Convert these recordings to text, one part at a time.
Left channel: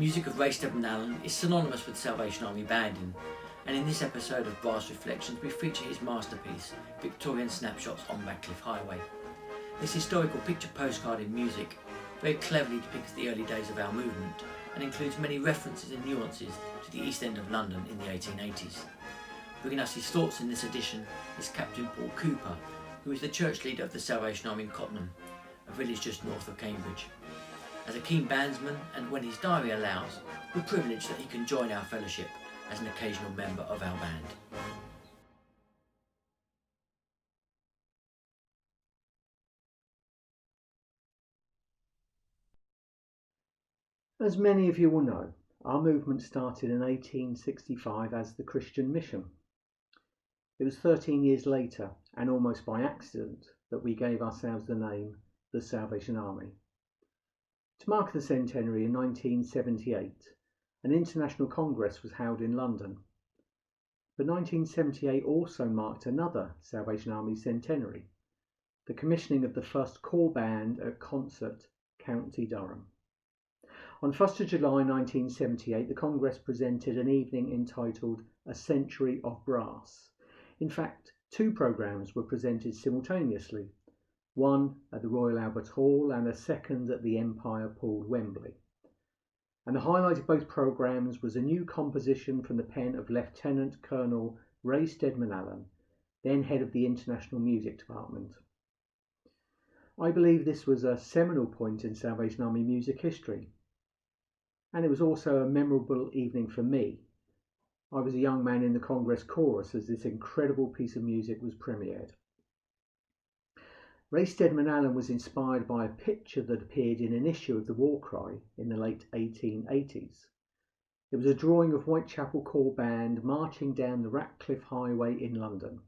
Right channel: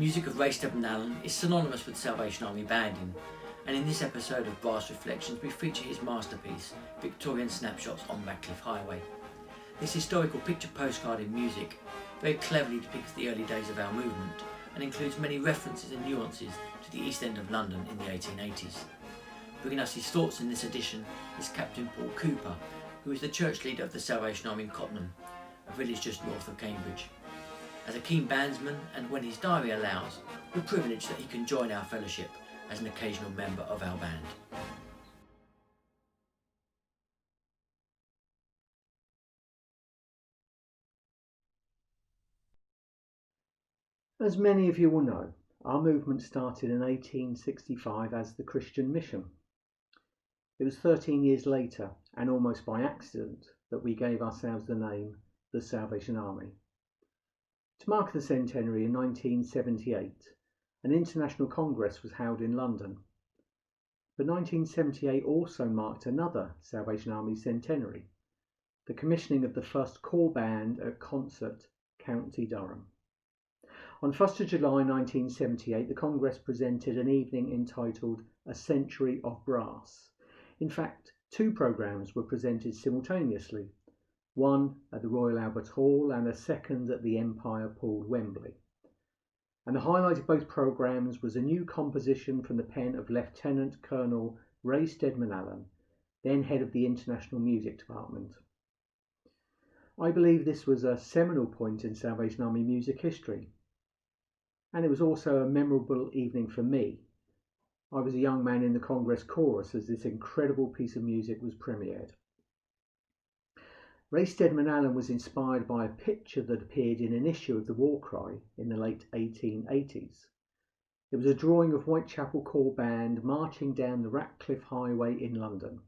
music of Ray Steadman-Allen is synonymous with Salvation Army banding, and in this episode of Brass Reflections we feature his masterpiece, Victorian Snapshots on Ratcliff Highway. This historical picture postcard in music very cleverly depicts the early days of our movement and includes many references and nuances to the East End of London in the 1880s. Bringing us his thoughts in this edition is Captain Paul Cooper, who is the church leader of the Salvation Army in Cottenham, a village just north of Cambridge. As a keen bandsman, and when his diary allows, we're privileged that he can join our fellowship as an occasional member of our band. As many of you will know, our movement started in 1865 as the Christian Mission. It was 13 years later, and almost by accident, that we gave ourselves the name the Salvation Army. To mark the centenary in 1978, an international congress was held in London. But 1978 also marked another Salvation Army centenary, the commissioning of the first corps band at Concert, County Durham. On 1st of July 1978, the Congress presented an evening entitled A Century of Brass. In fact, two programmes were presented simultaneously, one at the Royal Albert Hall and a second at the Empire Pool, Wembley. And the highlight of both programmes was a new composition from the pen of Lieutenant Colonel Ray Steadman-Allen, then head of the International Music Department. I believe this was a seminal point in Salvation Army music history, and it was also a memorable evening for me. I was a young man in the Congress chorus as this incredible piece of music was premiered. Ray Steadman-Allen was inspired by a picture that appeared in an issue of the War Cry in the late 1880s. It was a drawing of Whitechapel Corps Band marching down the Ratcliff Highway in London.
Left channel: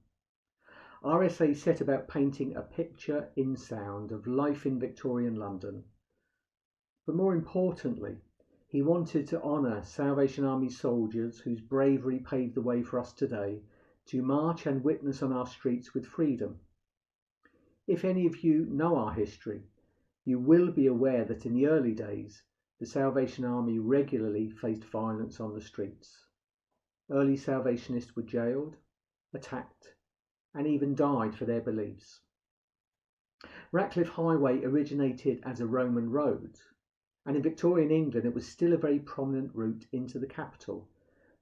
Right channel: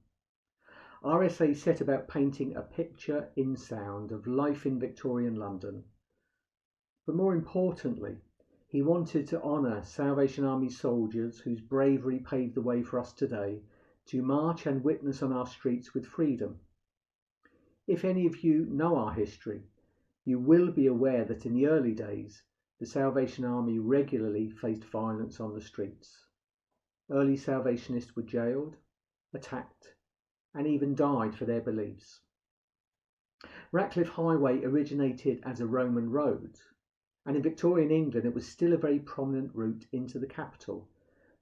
RSA set about painting a picture in sound of life in Victorian London. But more importantly, he wanted to honour Salvation Army soldiers whose bravery paved the way for us today to march and witness on our streets with freedom. If any of you know our history, you will be aware that in the early days, the Salvation Army regularly faced violence on the streets. Early Salvationists were jailed, attacked, and even died for their beliefs. Ratcliff Highway originated as a Roman road, and in Victorian England it was still a very prominent route into the capital,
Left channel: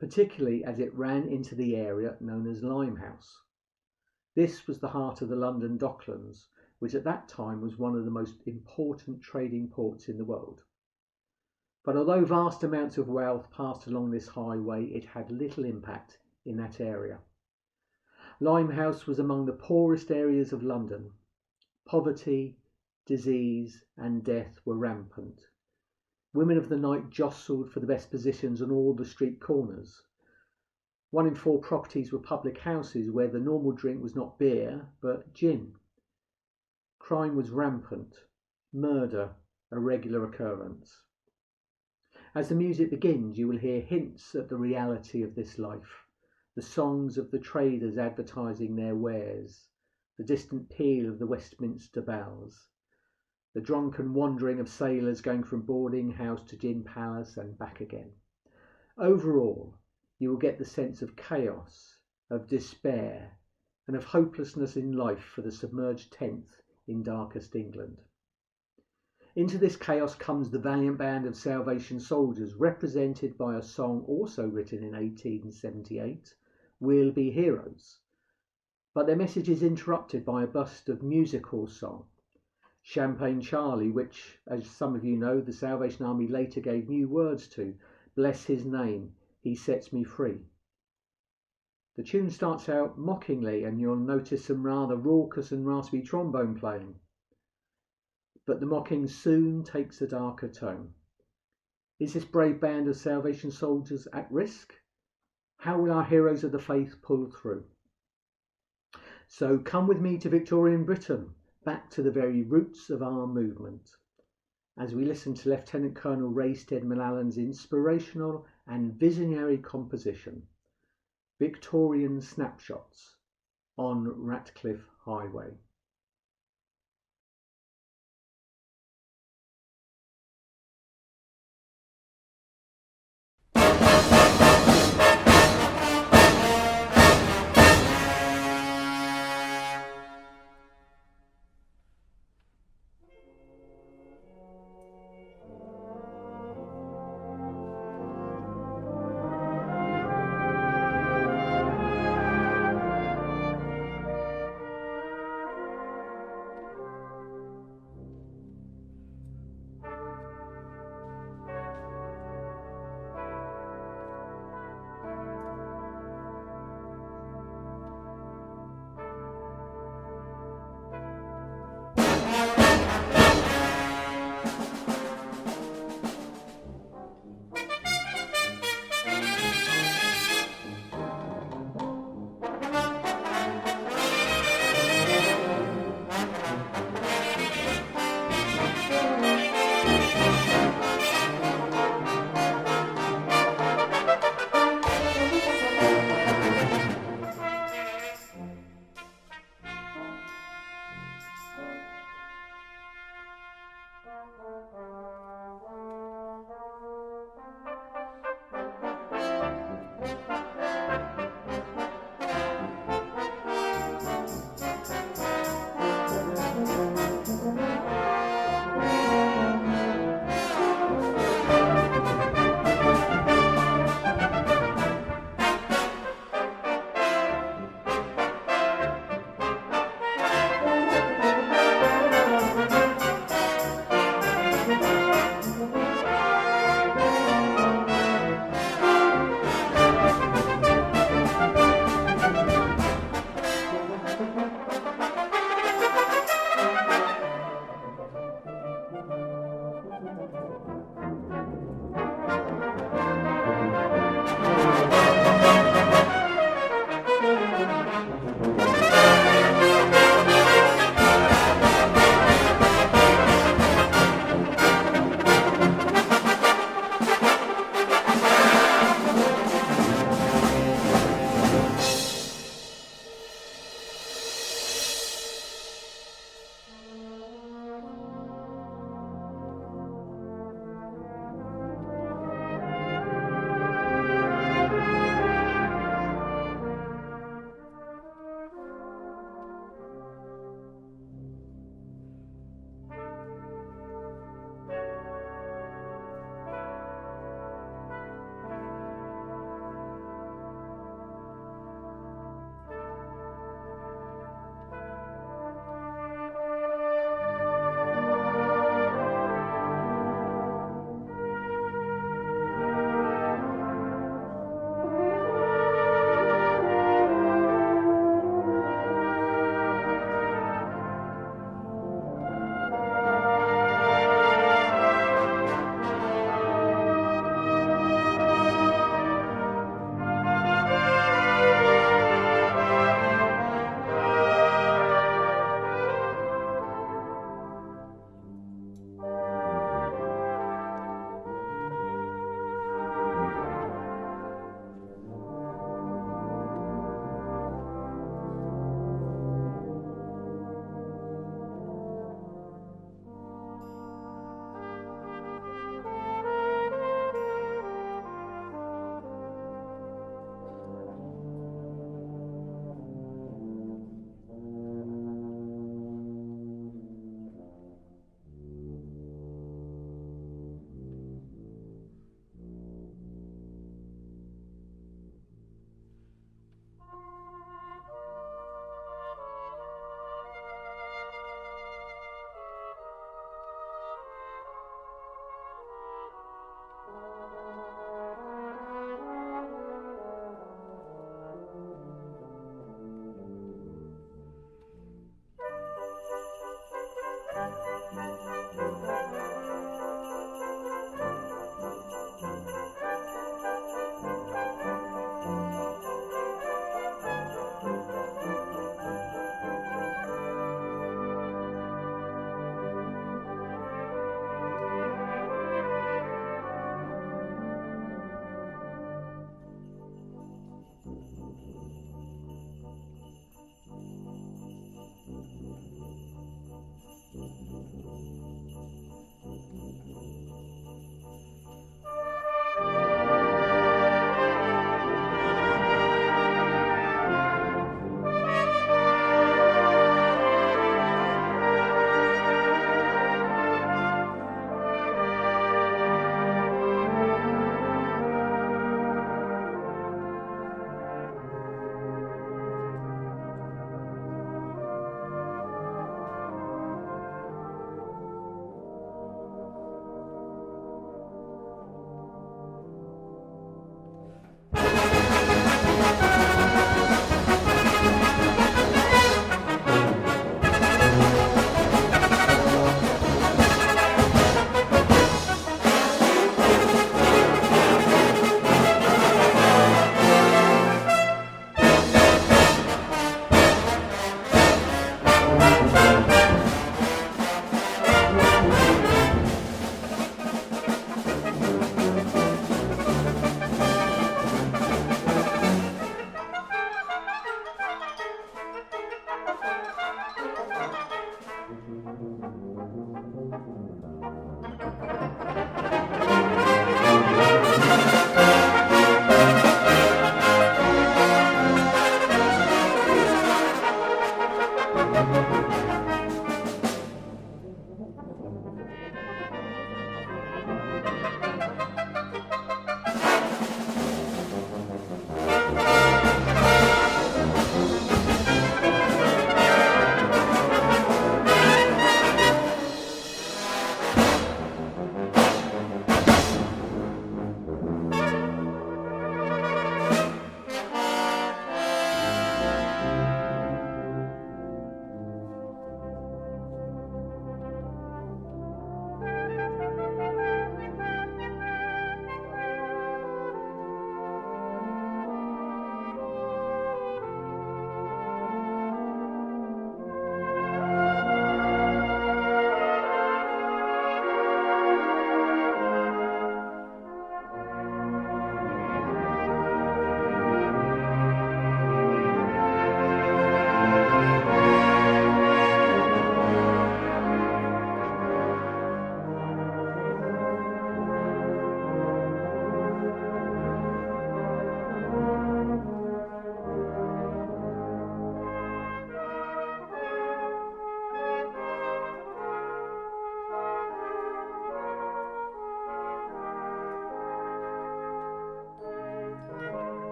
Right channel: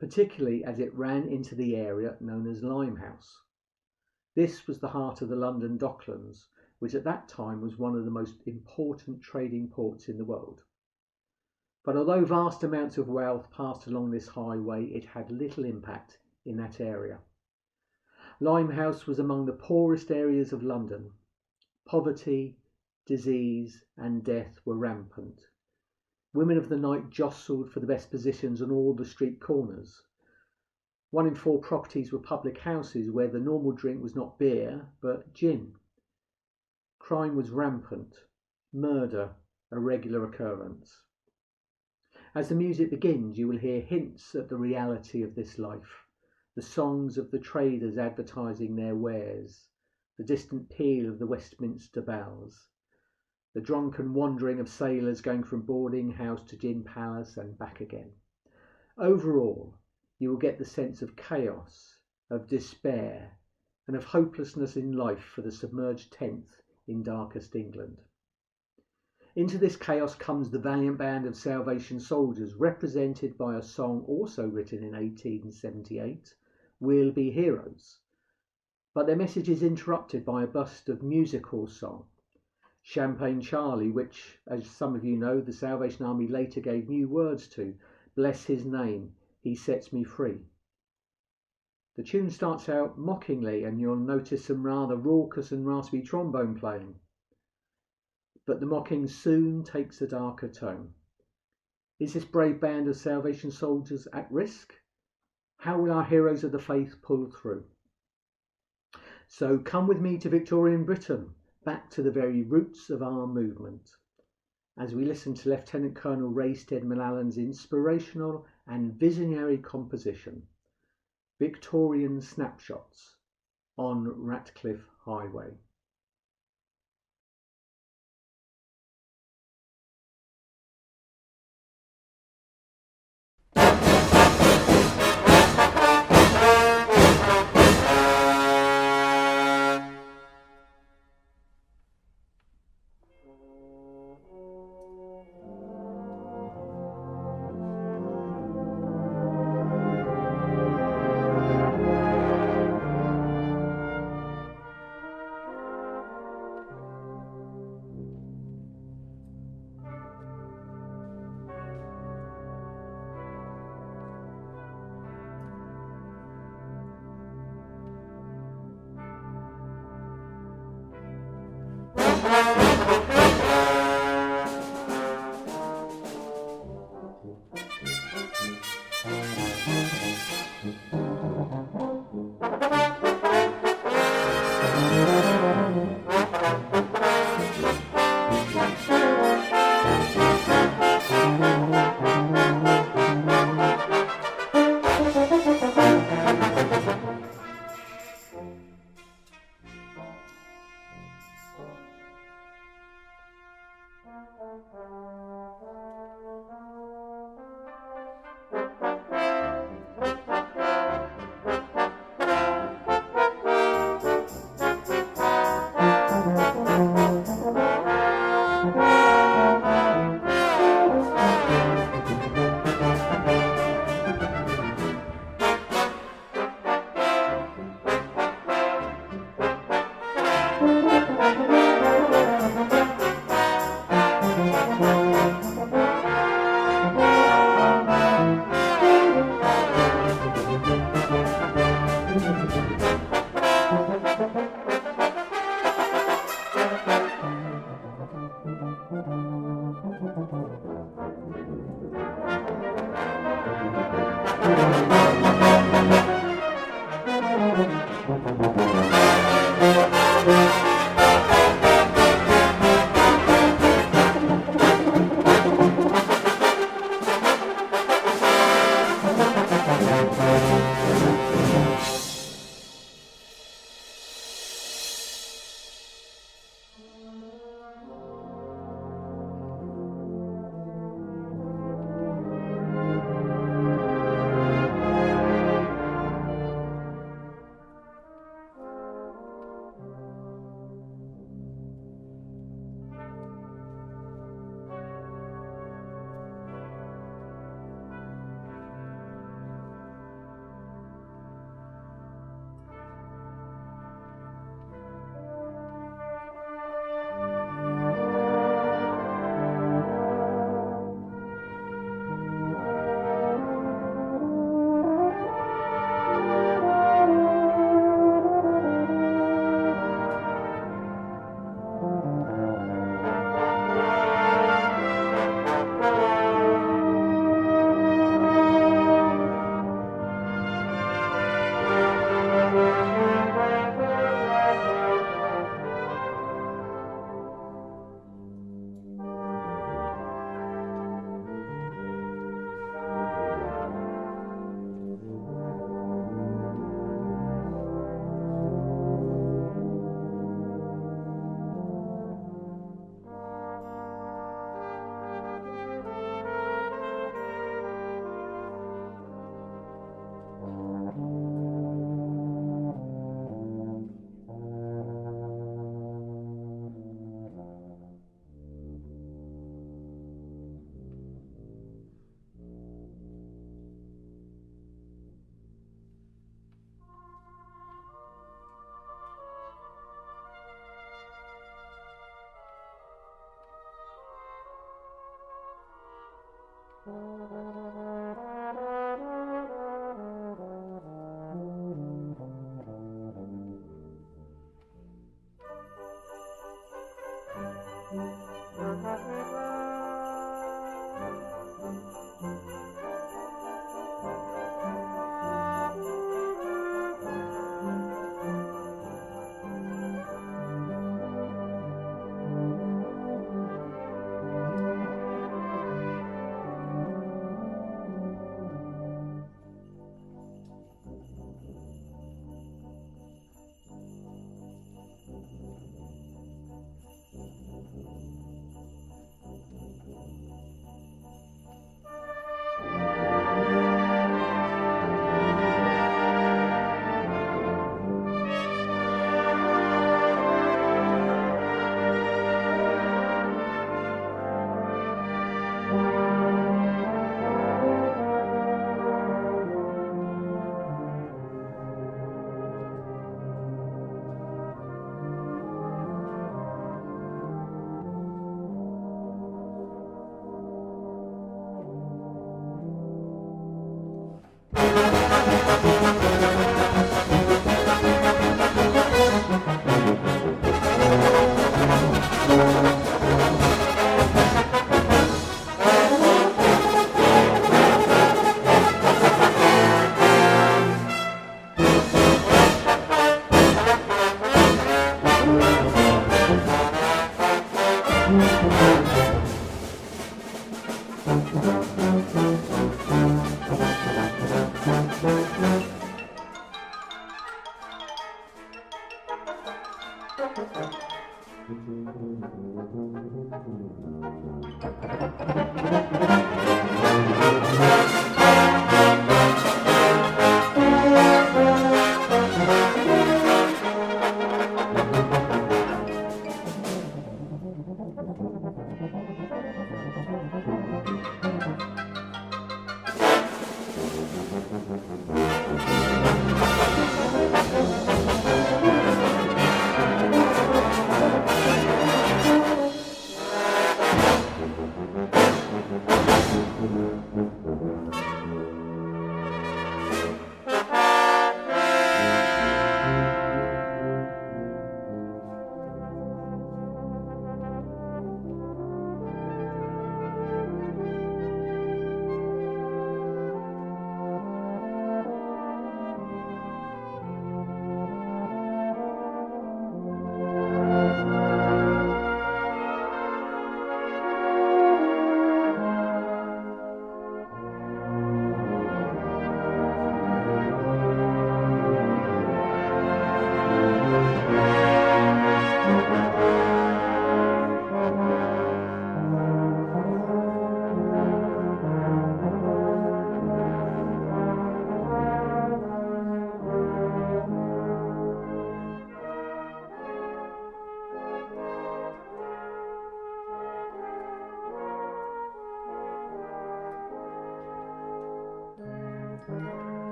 particularly as it ran into the area known as Limehouse. This was the heart of the London Docklands, which at that time was one of the most important trading ports in the world. But although vast amounts of wealth passed along this highway, it had little impact in that area. Limehouse was among the poorest areas of London. Poverty, disease and death were rampant. Women of the night jostled for the best positions on all the street corners. 1 in 4 properties were public houses where the normal drink was not beer, but gin. Crime was rampant, murder a regular occurrence. As the music begins, you will hear hints at the reality of this life, the songs of the traders advertising their wares, the distant peal of the Westminster bells, the drunken wandering of sailors going from boarding house to gin palace and back again. Overall, you will get the sense of chaos, of despair, and of hopelessness in life for the submerged 10th in darkest England. Into this chaos comes the valiant band of Salvation soldiers, represented by a song also written in 1878, We'll Be Heroes. But their message is interrupted by a burst of music hall song, Champagne Charlie, which, as some of you know, the Salvation Army later gave new words to, Bless his name, he sets me free. The tune starts out mockingly and you'll notice some rather raucous and raspy trombone playing. But the mocking soon takes a darker tone. Is this brave band of Salvation soldiers at risk? How will our heroes of the faith pull through? So come with me to Victorian Britain, back to the very roots of our movement, as we listen to Lieutenant Colonel Ray Steadman-Allen's inspirational and visionary composition, Victorian Snapshots on Ratcliff Highway.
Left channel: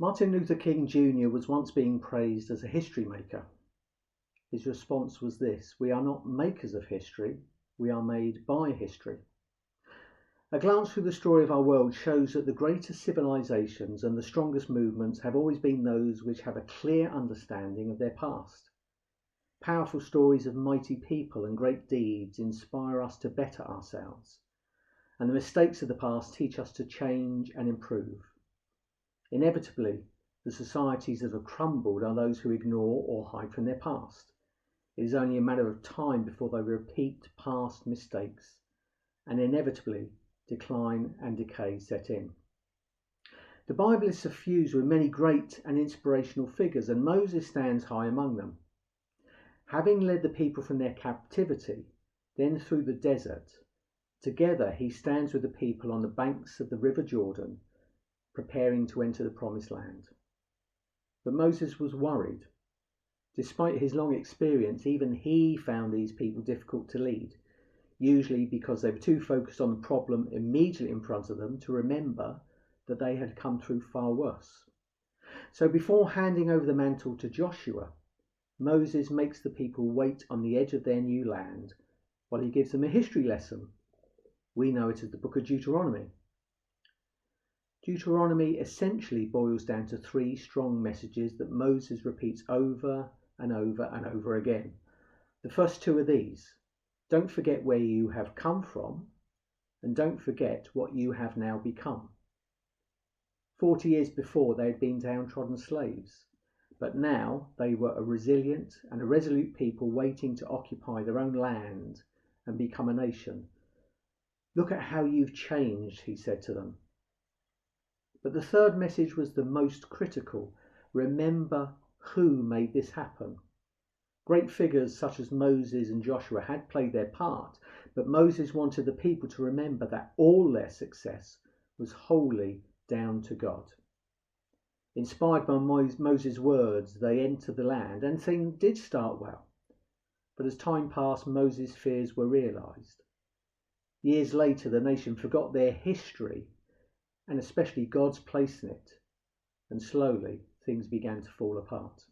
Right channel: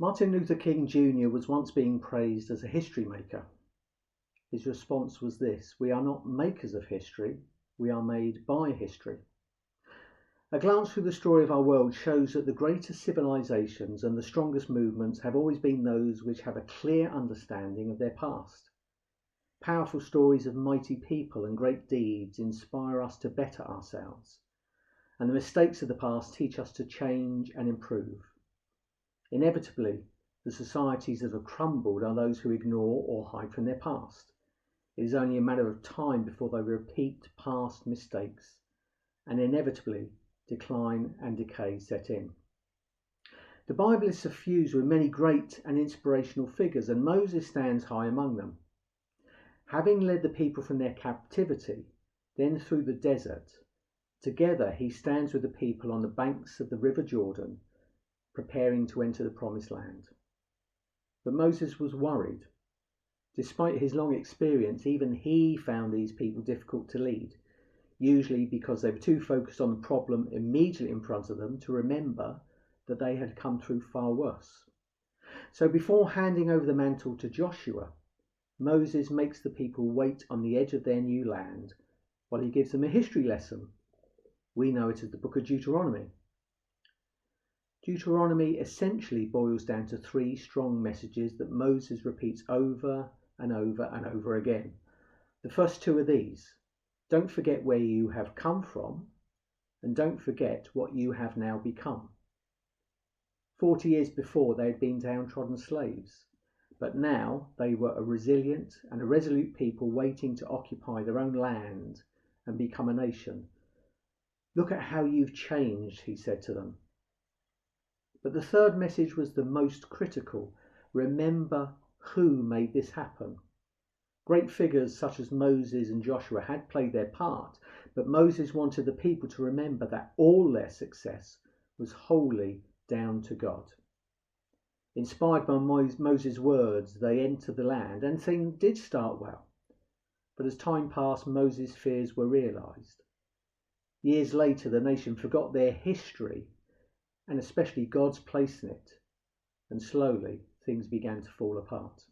Martin Luther King Jr. was once being praised as a history maker. His response was this: "We are not makers of history, we are made by history." A glance through the story of our world shows that the greatest civilizations and the strongest movements have always been those which have a clear understanding of their past. Powerful stories of mighty people and great deeds inspire us to better ourselves, and the mistakes of the past teach us to change and improve. Inevitably, the societies that have crumbled are those who ignore or hide from their past. It is only a matter of time before they repeat past mistakes, and inevitably decline and decay set in. The Bible is suffused with many great and inspirational figures, and Moses stands high among them. Having led the people from their captivity, then through the desert, together he stands with the people on the banks of the river Jordan, preparing to enter the promised land. But Moses was worried. Despite his long experience, even he found these people difficult to lead, usually because they were too focused on the problem immediately in front of them to remember that they had come through far worse. So before handing over the mantle to Joshua, Moses makes the people wait on the edge of their new land while he gives them a history lesson. We know it as the book of Deuteronomy. Deuteronomy essentially boils down to three strong messages that Moses repeats over and over and over again. The first two are these: don't forget where you have come from, and don't forget what you have now become. 40 years before, they had been downtrodden slaves, but now they were a resilient and a resolute people waiting to occupy their own land and become a nation. Look at how you've changed, he said to them. But the third message was the most critical. Remember who made this happen. Great figures such as Moses and Joshua had played their part, but Moses wanted the people to remember that all their success was wholly down to God. Inspired by Moses' words, they entered the land, and things did start well. But as time passed, Moses' fears were realised. Years later, the nation forgot their history, and especially God's place in it, and slowly things began to fall apart.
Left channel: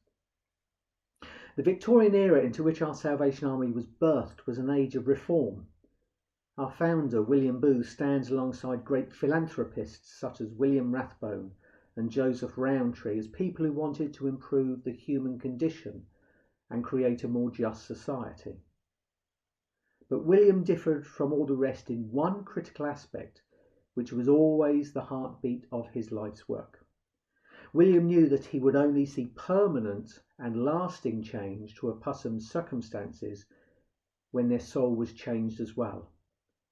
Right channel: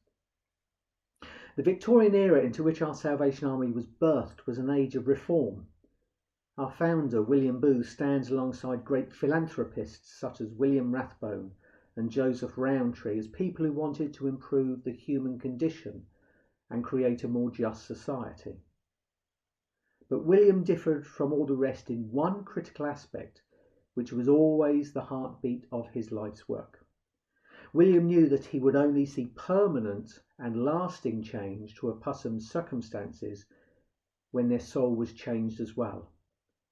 The Victorian era into which our Salvation Army was birthed was an age of reform. Our founder, William Booth, stands alongside great philanthropists such as William Rathbone and Joseph Rowntree as people who wanted to improve the human condition and create a more just society. But William differed from all the rest in one critical aspect, which was always the heartbeat of his life's work. William knew that he would only see permanent and lasting change to a person's circumstances when their soul was changed as well.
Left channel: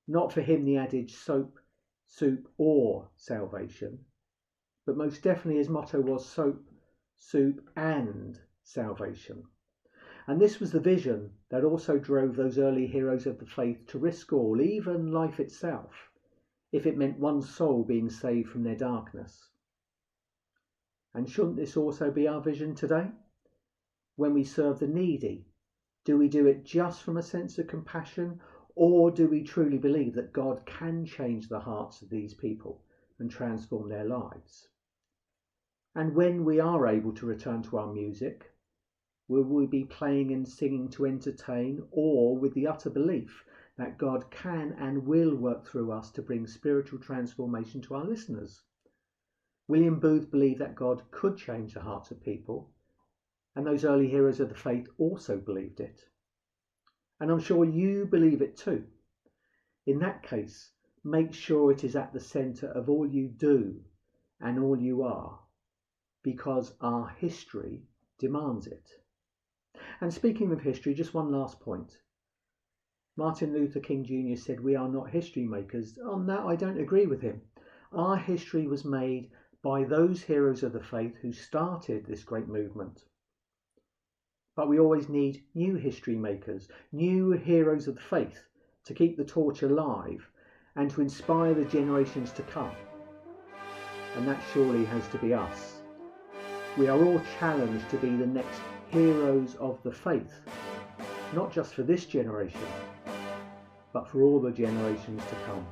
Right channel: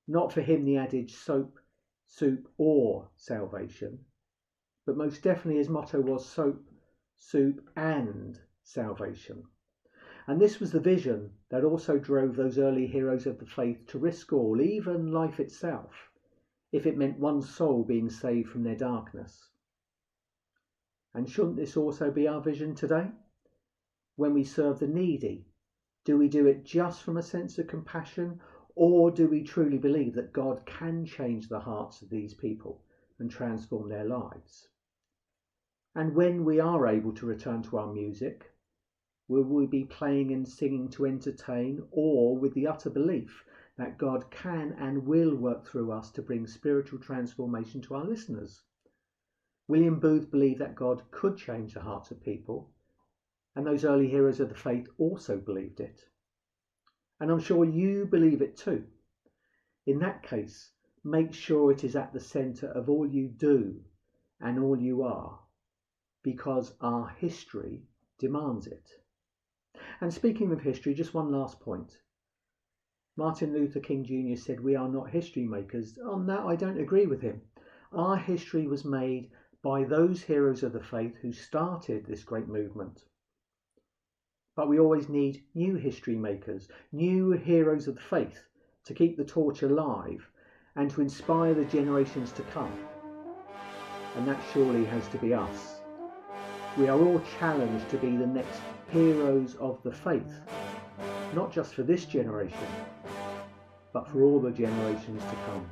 Not for him the adage soap, soup or salvation, but most definitely his motto was soap, soup and salvation. And this was the vision that also drove those early heroes of the faith to risk all, even life itself, if it meant one soul being saved from their darkness. And shouldn't this also be our vision today? When we serve the needy, do we do it just from a sense of compassion, or do we truly believe that God can change the hearts of these people and transform their lives? And when we are able to return to our music, will we be playing and singing to entertain, or with the utter belief that God can and will work through us to bring spiritual transformation to our listeners? William Booth believed that God could change the hearts of people, and those early heroes of the faith also believed it. And I'm sure you believe it too. In that case, make sure it is at the centre of all you do and all you are, because our history demands it. And speaking of history, just one last point. Martin Luther King Jr. said we are not history makers. On that, I don't agree with him. Our history was made by those heroes of the faith who started this great movement. But we always need new history makers, new heroes of the faith to keep the torch alive and to inspire the generations to come. And that surely has to be us. We are all challenged to be the next heroes of the faith, not just for this generation, but for all the generations to come.